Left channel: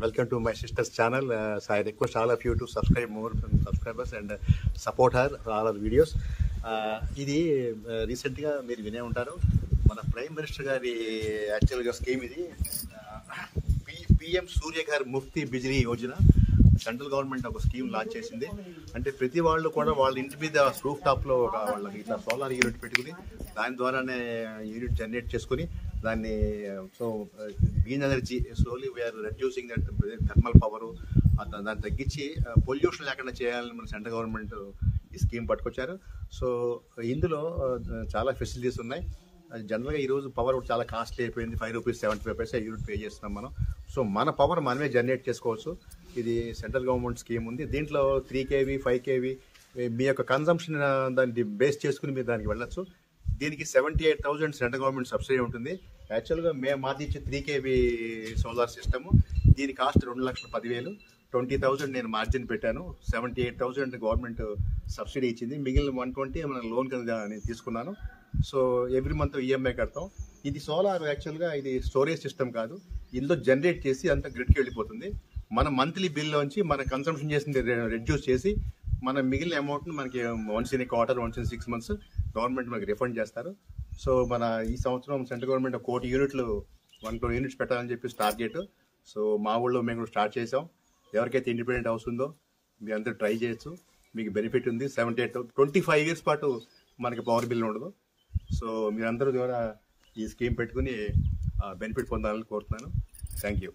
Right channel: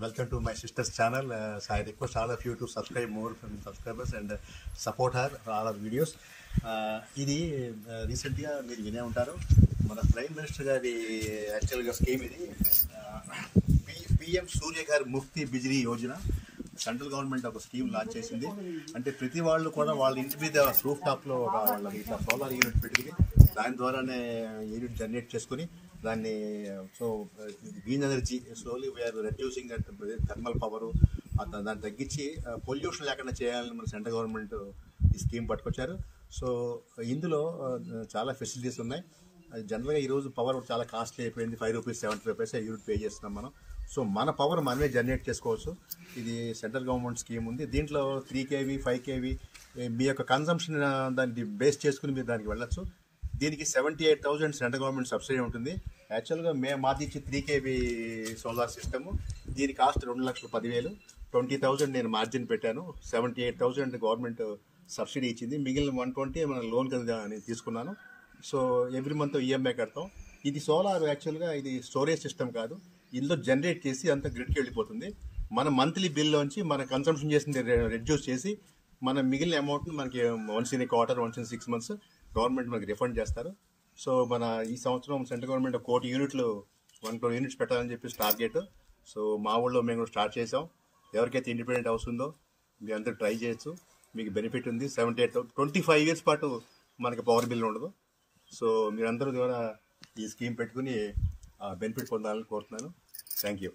welcome to my sister's channel. So I request all of you to subscribe more subscribers and support her for all her videos. ఇది రీసెంట్గా మీరు వినే ఉంటారు, మన prime minister గారి యాక్చువల్గా స్కీమ్ ఇది. PM Surya Ghar Muft Bijli Yojana central government ఒక స్కీమ్ లాంచ్ చేసింది. అంటే ప్రతి వాళ్ళు కూడా వాళ్ళ ఇంటి మీద రూఫ్ టాప్లో వాళ్ళకి ఇట్లా సోలార్ యూనిట్ పెట్టుకుని దాని ద్వారానే యూనిట్ జనరేట్ చేసుకుని దాన్ని so green energy slowly we are reducing that thermal power దాన్ని తగ్గించి పొల్యూషన్ లేకుండా చేయాలని మన సెంట్రల్ గవర్నమెంట్ ఈ స్కీమ్ పట్టుకొచ్చారు. సో ఇందులో చాలా ఫెసిలిటీస్ ఉన్నాయి. జనరల్గా ఈరోజు పవర్ చాలా కాస్ట్లీ అయిపోయింది. ₹5.75 యూనిట్ పే చేస్తున్నాం మనం. సో మన పవర్ మనమే జనరేట్ చేసుకోవచ్చు. ఇది సెంట్రల్ గవర్నమెంట్ స్కీమ్ ఉంది. దీంట్లో 3 kV 5 kV మీ యొక్క కన్సంప్షన్ దాన్ని బేస్ చేసుకుని మీరు దానికి వెళ్ళచ్చు. దీనికి 78,000 సెంట్రల్ గవర్నమెంట్ సబ్సిడీ ఉంటుంది. యాక్చువల్గా మాది ఇచ్చే 3 kV సోలార్ సిస్టమ్, దీని కాస్ట్ 2,10,000. 20,000 నేను మార్జిన్ పెట్టాను. 78,000 గవర్నమెంట్ సబ్సిడీ ఇచ్చింది. మిగిలిన 120 మన లోన్ కింద నేను తీసుకున్నాను. సో ఎవ్రీ మంత్ ఈఎంఐ కడతాం. ఇది సోలార్ యాక్చువల్గా ఇది స్టోరేజ్ సిస్టమ్ కాదు, ఇందులో జనరేట్ చేసి అంత గ్రిడ్కి వెళ్ళిపోతుంది. మన మంత్లీ బిల్లోంచి మన కన్సంప్షన్ చేసింది రెడ్యూస్ చేసి మన మిగిలిన అమౌంట్ని మనకి once in quarter, once in 6 months government మనకి రిఫండ్ చేస్తారు. సో మన ఈ సంవత్సరం సెంట్రల్ గవర్నమెంట్ 1 కోటి యూనిట్లు 1 crore యూనిట్స్ పెట్టాలని చెప్పి టార్గెట్. సో మా ఊళ్ళో మేము కూడా స్టార్ట్ చేసాం. ఎవరికైతే ఇండిపెండెంట్ హౌస్ ఉందో మీరు అందరూ ట్రై చేయొచ్చు. మీకు బెనిఫిట్ ఉంది. 25 years పాటు మనకి పవర్ బిల్ ఉండదు. సో మీరందరూ ద్వారా ఈ స్కీమ్ పెట్టుకుని బెనిఫిట్ పొందాలని కోరుతున్నాను. Thank you.